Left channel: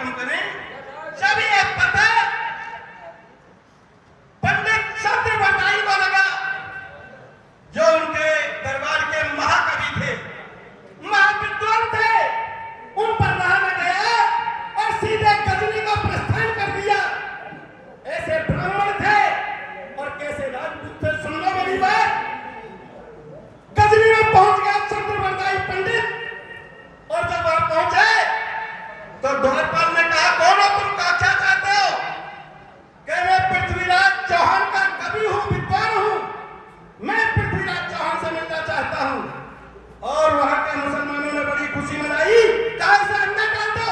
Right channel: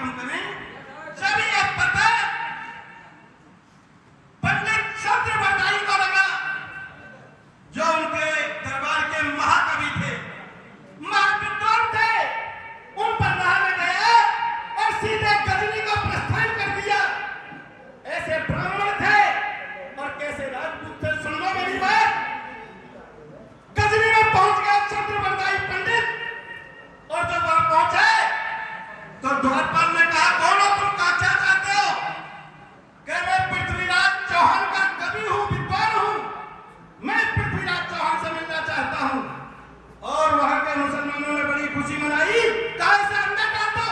कम करें। जब ये पता पंडित चंद्रवर्दाई को लगा, जो उनके दरबार के महाकवि थे, महाविद्वान थे, उन पर रहने गया और सीधे गजनी को प्रस्थान कर दिया। ऐसे ब्राह्मण थे और कैसे राजपूत थे, सुन लो मेरी बात। गजनी में पहुंच गया चंद्रवर्दाई पंडित, और जब वहां पहुंचे तो द्वारपाल ने कहा, कौन हो तुम, क्या चाहते हो? कह रहे पृथ्वीराज चौहान का कवि हूं, विद्वान हूं, मैं पृथ्वीराज चौहान से मिलना चाहता हूं। और वहां के मुसलमानों ने बड़ी खुशी मनाई, कहा से अंदर डाल दो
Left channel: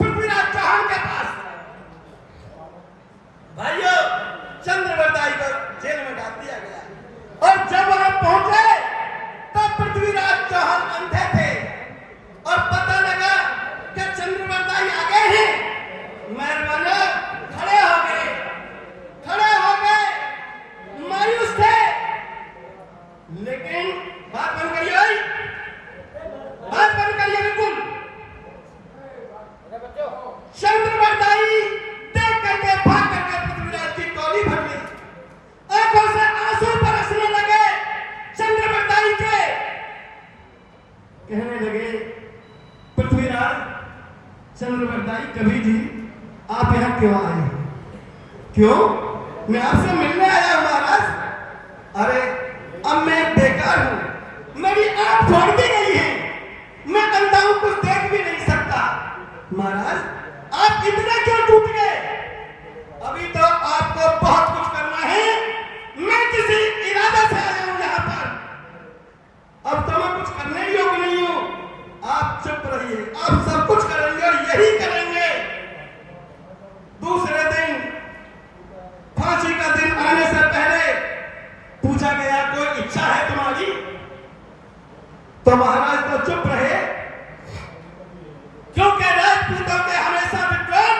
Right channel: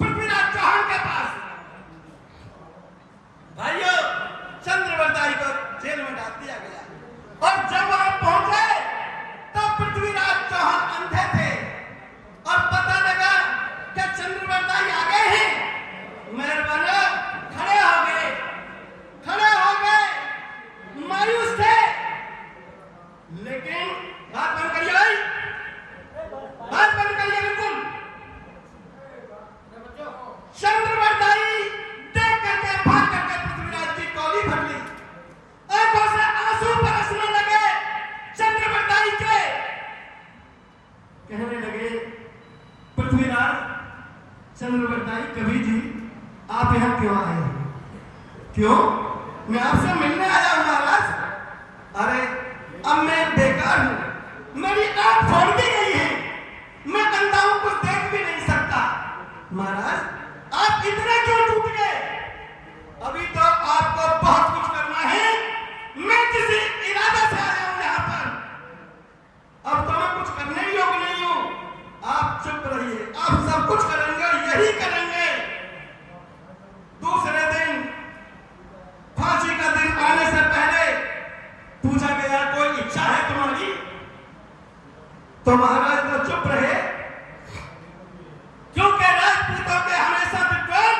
पृथ्वीराज चौहान के पास। भाइयों, चंद्रवर्दाई को जेल में डाल दिया गया। और जब वहां पहुंचे तो पृथ्वीराज चौहान अंधे थे और पता लगा कि चंद्रवर्दाई आ गए हैं। मेहरबाना खड़े हो गए, मायूस थे। लेकिन बात बंद करिए, बात बंद करिए बिल्कुल। चंद्रवर्दाई देख करके भाग करके पृथ्वीराज की कौली भर ली, आंखों से आंसू बरसने लगे। चंद्रवर्दाई के कहने लगे, पृथ्वीराज चंद्रवर्दाई कवि जी, आप यहां क्यों आए? क्यों? मैं आपसे मिलने आया हूं महाराज। अरे अब मैं बेकार हूं, मेरी आंख फोड़ दी गई है, मैं अंधा हूं, कुछ देख भी नहीं सकता। महाराज आप इतने क्यों टूट गए? अभी तो आपको बहुत कुछ करना है, मैं किसी इरादे से आया हूं यहां पर। अब तो मैं कुछ करने योग्य नहीं हूं, आप चुप रहिए, आप सब कुछ करेंगे और यही करेंगे। दूसरे दिन, फांसी का दिन आने से पहले पूछा गया, कोई इच्छा है तुम्हारी? तो महाराज तो चुप रहे, क्योंकि राजपूतों के हमेशा विद्वान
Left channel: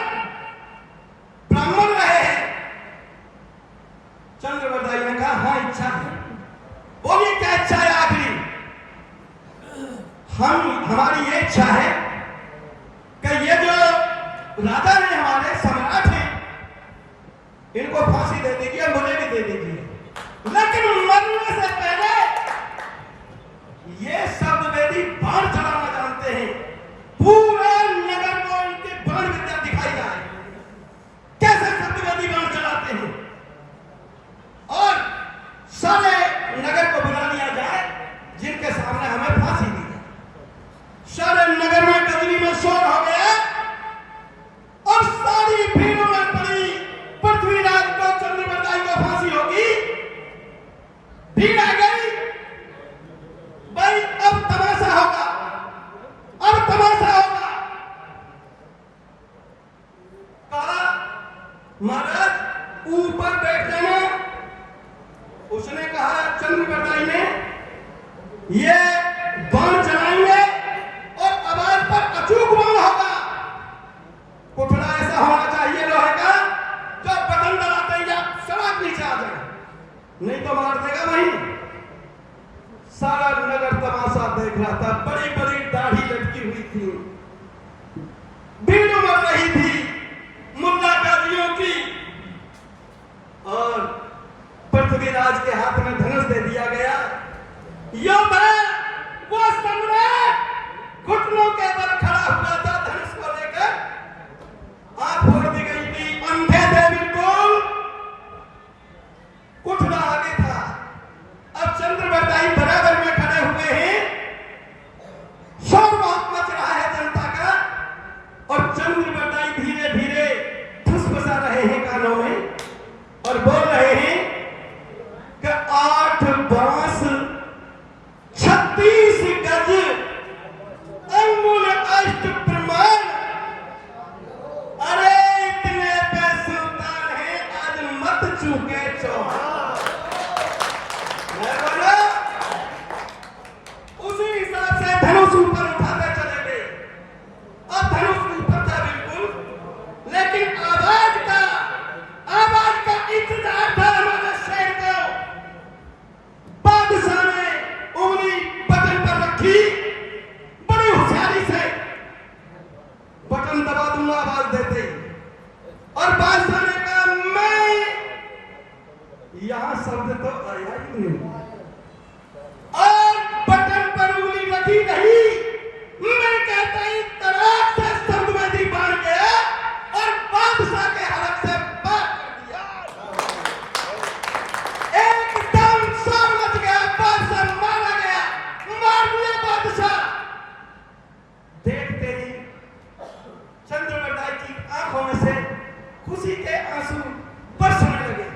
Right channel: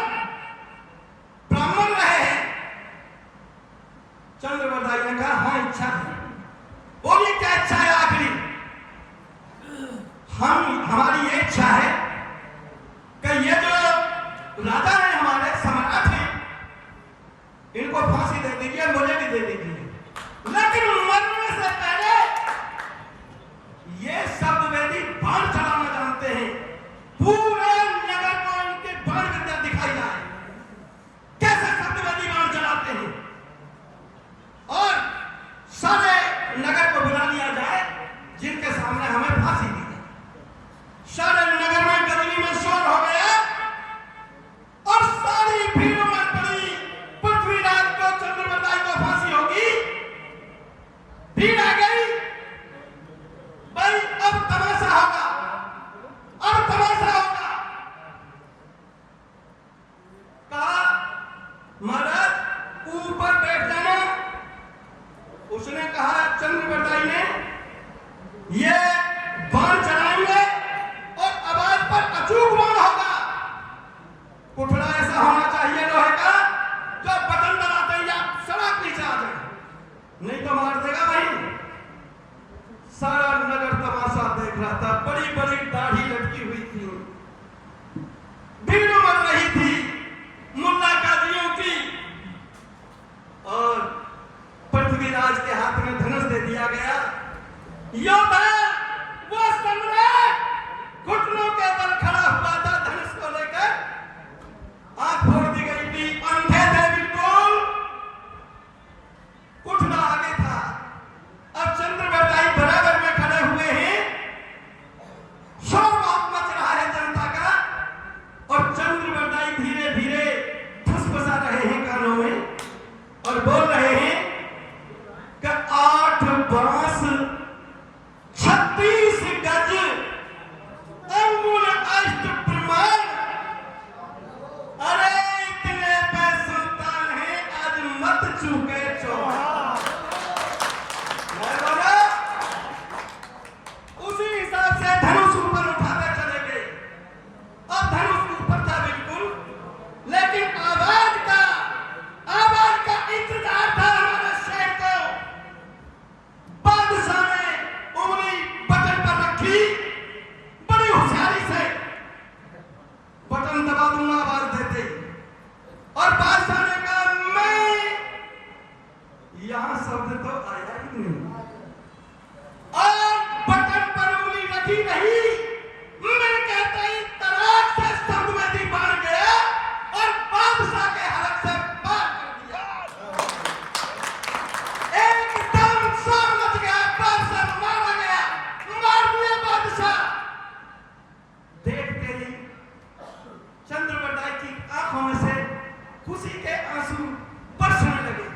ब्राह्मण रहे हैं। चंद्रवर्दाई ने कहा, हाँ इच्छा है। बोलिए क्या इच्छा है आखिरी? हमारी ये इच्छा है कि ये जो राजा है, हमारे सम्राट हैं, इनको फांसी दे दीजिए, मुझे भी दे दीजिए, लेकिन मरने से पहले ये शब्दवेदी बाण चलाना जानते हैं, पूरे नगर को इनके बाण विद्या दिखाई जाए, कैसे शब्दवेदी बाण चलाते हैं, और सारे नगर को बुला लिया जाए जिनके सामने हमें फांसी दी जाए। सारे नगर में गजनी में शोर हो गया और सारी भीड़ में पड़ी, पृथ्वीराज को चंद्रवर्दाई को फांसी होगी। भीड़ आ गई, भाई अब तमाशा होगा, अब तमाशा होगा। कहा, महाराज ऊपर बैठ जाना। उसने कहा, चंद्रवर्दाई ने, ये बाण चलाएंगे और आवाज पर अचूक बाण होगा। पुतला ऐसा होना चाहिए लोहे का, जो बटन दबाते ही आप सड़क नीचे आ जाए, नहीं तो मार देगा वहीं। सारा नगर तमाशा देख रहा था, बड़ी बड़ी दाढ़ी लटकी हुई थी, भीड़ उमड़ रही थी मुल्ला काजियों की, और पृथ्वीराज के हाथ में धनुष दे दिया गया। योद्धा, वो सम्राट घुटनों के बल खड़ा हुआ तुम आवाज देते और बादशाह ने कहा मैं, यहां शब्द तो आया ही नहीं और बटन पर उंगली रखी रही। मैं कहता ही तराक से शब्द में दी बाढ़ गया और बादशाह के हलक से पार कर दिया। एकदम शोर मच गया, बादशाह मारा गया, मार दिया बादशाह। देखते ही चंद्रवरदाई की आंखों में से खुशी के आंसू बरसने लगे।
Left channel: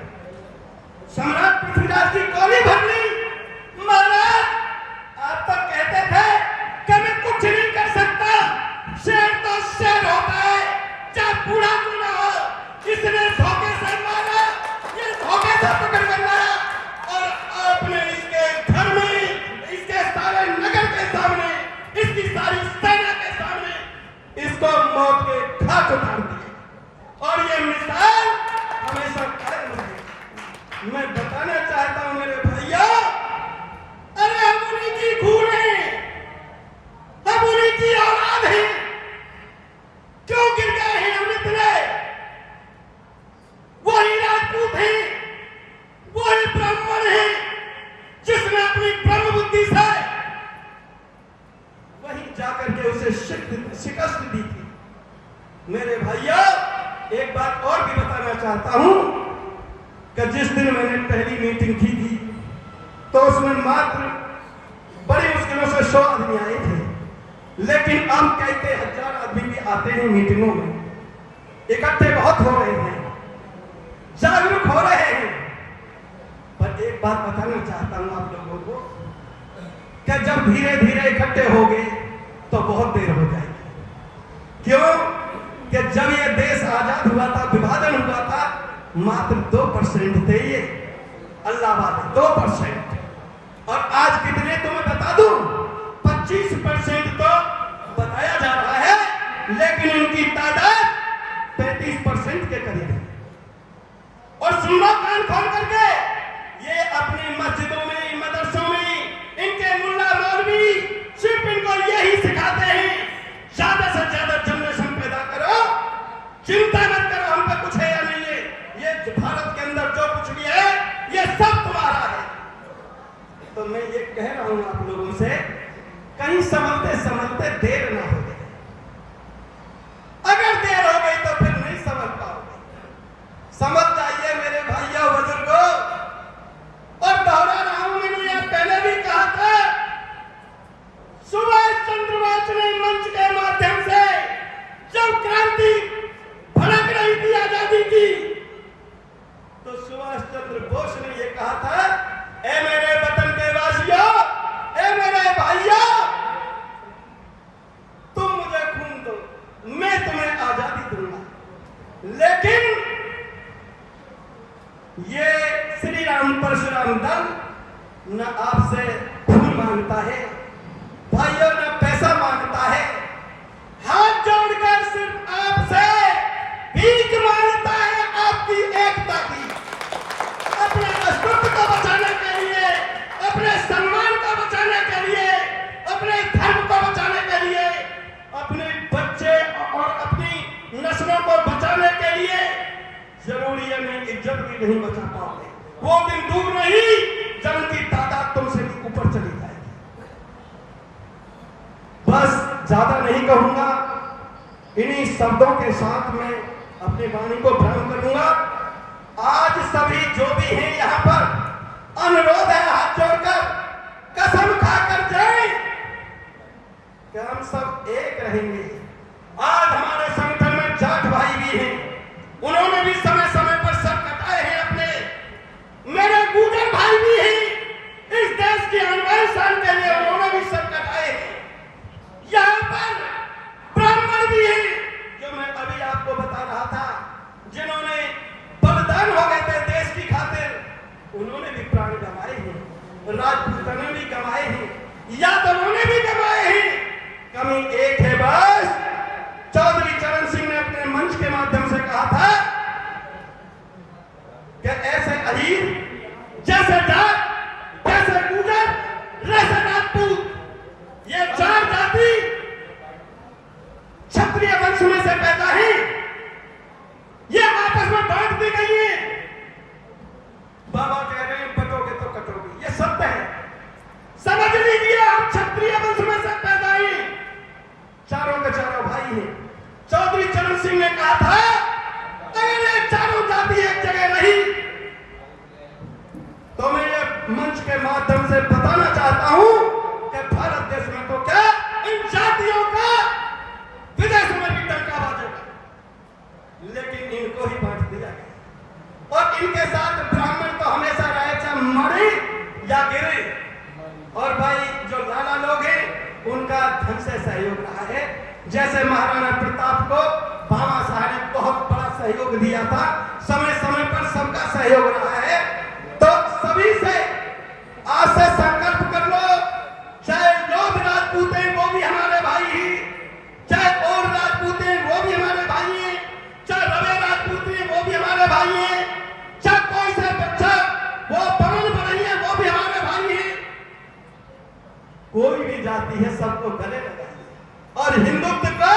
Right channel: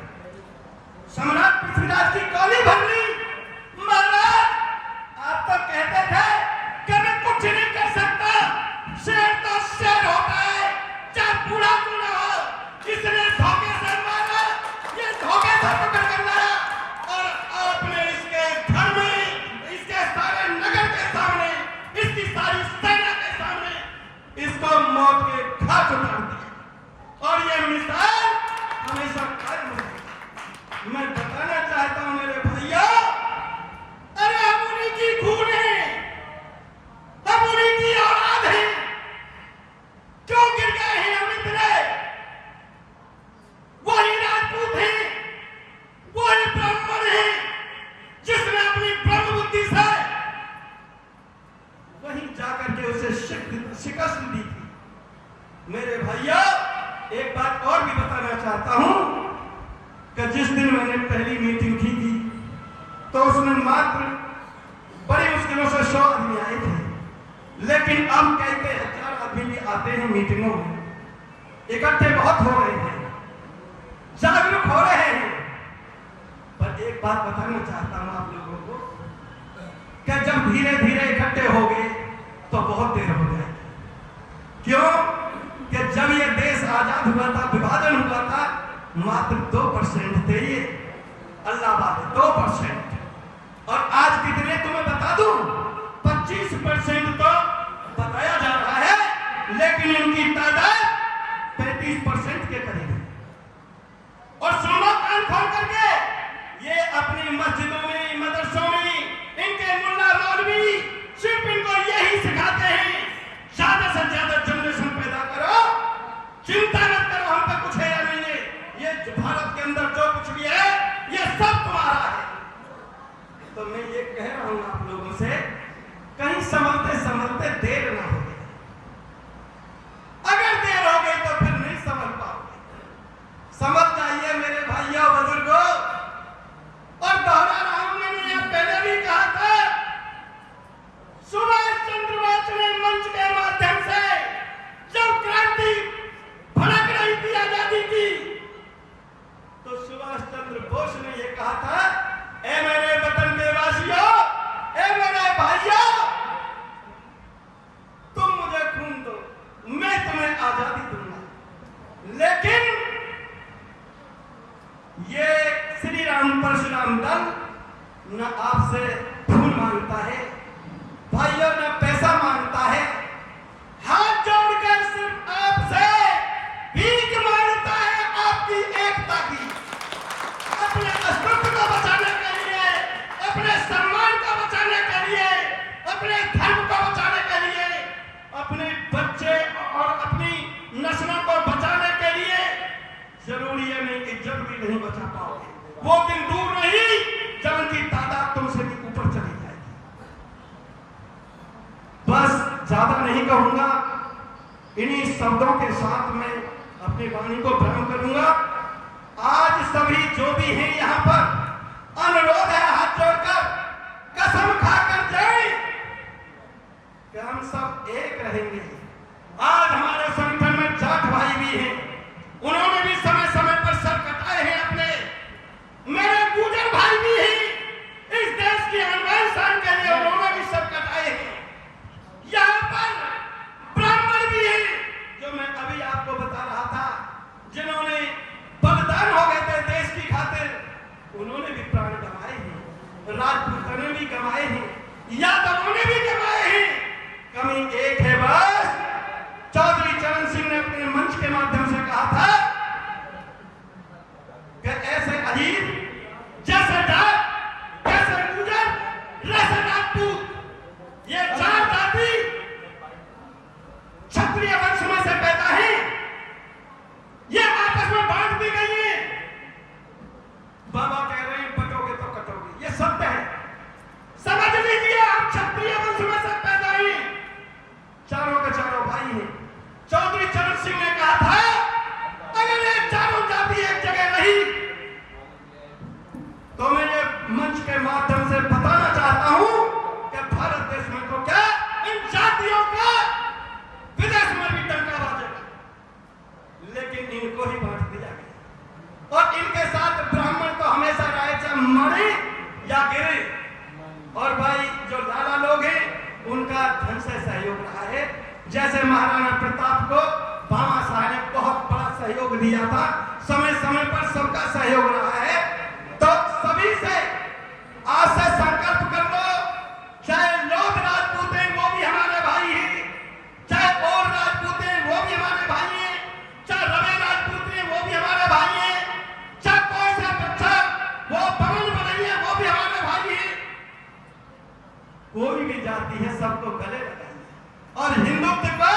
सम्राट पृथ्वीराज की गोली भर ली। महाराज, आप तो कहते थे कि मैं कुछ नहीं कर सकता, शेर तो शेर होता है, चाहे बूढ़ा क्यों ना हो। इसने धोखे से मारा, ये धोखे से पकड़ कर मारा और आपने इसके घर में, इसके सारे नगर के सामने, इसकी सारी सेना के सामने इसको मौत के घाट उतार दिया और ये मिसाल हमेशा कायम रहेगी। मैं बताना चाहता हूं मेरे भैया, अरे हम उन्हीं की खून है, हम उन्हीं की औलाद हैं। क्यों गिर गए हैं हम इतने? वही राजपूत हैं, वही ब्राह्मण हैं जिसने अपनी ब्रह्म बुद्धि से वहीं जाकर के उसे शिकस्त दी थी। मेरे भैया, एक बात और भी बताना चाहता हूं कि जिस दिन मैंने पहली मीटिंग की थी तो उसमें मात्र बड़ी मुश्किलों से 100 आदमी आए थे, लेकिन अब कहते 1000 आदमी भी आते हैं मीटिंगों में, इकट्ठे बहुत हो रहे हैं, जागरूक हो रहे हैं। पर एक बात बताना चाहता हूं आप लोगों को कि जब धीरे धीरे इकट्ठे हो गए तो बहुत देर हो जाएगी। क्यों कि जब ये देश आजाद हुआ था, विभाजन हुआ था, मात्र 2% थे ये अल्लाह वाले, 2%। और आज कितने तुम्हें बता दूं, 25% तो बताया जा रहा है, लेकिन उनकी तादाद 35% के करीब है। और सुन लो कान खोल करके, ये अपनी मस्जिदों में, मदरसों में इनके मुल्ला मौलवी सिर्फ इनको यही सिखाते हैं, ज्यादा से ज्यादा जनरेशन पैदा करो, चिंता मत करो हम पे कुछ है या नहीं है, ये भारत के अंदर जो कुछ भी है ये सब तुम्हारा है। तो मैं ये कह रहा हूं आप लोगों से, कहीं संभलते संभलते देर ना हो जाए। अगर देर हो गई तो फिर नहीं समझ पाओगे। समझ जाइए मेरे भाइयों बुजुर्गों। और दोहरा रहा हूं, मैंने यह पहले भी कहा था, सुभाष चंद्र बोस ने मंच के माध्यम से जब क्रांति भड़क रही थी आजादी की, तो सुभाष चंद्र बोस ने यह कहा था, ए मेरे वतन के वासियों, ए मेरे भाइयों, तुम मुझे खून दो, मैं तुम्हें आजादी दूंगा। लेकिन ये श्री राम परशुराम दल न आपसे खून मांगता है भाइयों, न पैसा मांगता है, हाथ जोड़कर सिर्फ आपसे भीख मांगता है आपकी एकता की। अपने अस्तित्व को बचाने के लिए, अपने सम्मान को बचाने के लिए, अपने धर्म को बचाने के लिए, अपने बच्चे और अपनी नस्लों को बचाने के लिए जरूरी है नहीं कि जरूरी नहीं बचा पाओगे। वो दिन दूर नहीं जब उनकी तादाद तुमसे भी ऊपर चली जाएगी। बस ज्यादा नहीं कहूंगा, इन्हीं शब्दों के साथ मैं अपनी वाणी को बयान करूंगा। आज सभी जो भी हैं यहाँ पर, अनुरोध है हाथ जोड़कर, कसम खाकर जाए कि हम सब एक रहेंगे। आज हमारे संगठन में जाट भाई भी हैं, उन्होंने भी समय समय पर सर कटाए हैं अपने। मेरे गुजर भाई भी हैं, इस देश की अन्वेषण के लिए उन्होंने भी सर कटाए हैं। यहाँ पर ब्राह्मण भी हैं, जो मैं अभी आपको बता रहा था, जिन्होंने बलिदान हो गए थे देश की खातिर, उन्होंने भी प्राण गंवाए हैं, राजपूतों ने भी गंवाए हैं, यादवों ने भी गंवाए हैं। कमी एक है बस, चौधरी चरण सिंह ने अपने मंच के माध्यम से कहा था कि ऐसे अहीर, जैसे जाट, जैसे गुजर, जैसे राजपूत, ये 4 जाति क्षत्रिय वंश में से पैदा ही ये आपस में बांट दी गई है। बाबा कह रहे हैं बटोगे तो कटोगे, ये सत्य है। समझ लीजिए आप क्षत्रिय वंश में से पैदा ही चारों के चारों भाई हैं। चौधरी चरण सिंह ने कहा था अगर ये चारों जाति एक जगह रही तो मैं ये मंच के माध्यम से बताना चाहता हूं कि भारत देश में तो क्या इन जातियों का विदेश में भी डंका बाजेगा, लेकिन इनको ही बांट दिया गया। और इनके साथ ब्राह्मण तो हमेशा रहे चाहे मरे या गिरे। और भाई जो लाला लोग हैं उनका धन से सहयोग रहा है। जैसे महाराणा प्रताप को भामा शाह ने बहुत बड़ा सहयोग दिया था, समय समय पर सबका सहयोग रहा है। तो सभी से आज से संकल्प कर लो, चाहे लोग राजपूत हैं वो भी हमारे भाई हैं, चाहे और राजपूत हैं वो भी हमारे भाई हैं, चाहे रवे राजपूत हैं वो भी हमारे भाई हैं, चाहे कोई सा बच्चा वो पवन बड़ी है वो भी हमारे भाई हैं। कोई भी जाति है सबको गले लगाइए और हिंदुत्व को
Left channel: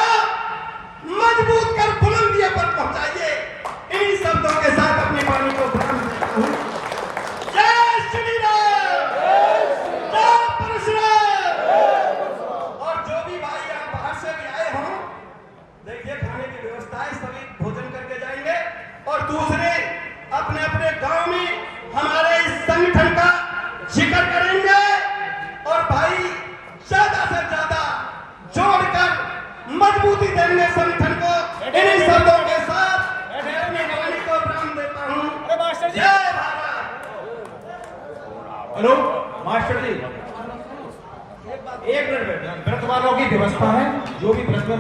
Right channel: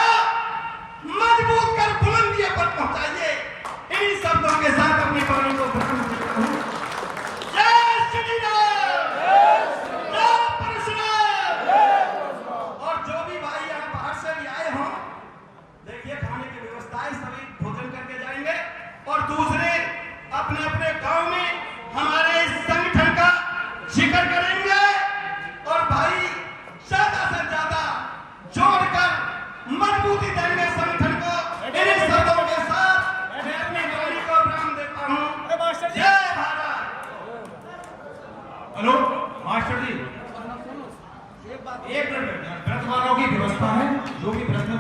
मजबूत कर बुलंदियों पर पहुंचाइए। इन शब्दों के साथ अपनी वाणी को प्रारंभ करता हूं। जय श्री राम, जय परशुराम। और जो भी भाई यहाँ बाहर से भी आए हों, देखिए खाने की व्यवस्था है, सभी भोजन करके जाएंगे। और दूसरे अपने अपने गांव में हमारे इस संगठन का जिक्र करेंगे और भाई ज्यादा से ज्यादा जोड़कर मजबूती देंगे संगठन को। इन शब्दों के साथ मैं अपनी वाणी को विराम देता हूं। जय भारत। हेलो मास्टर जी, एक मिनट बैठ, व्रत वालों की व्यवस्था है, जो भी प्रश्न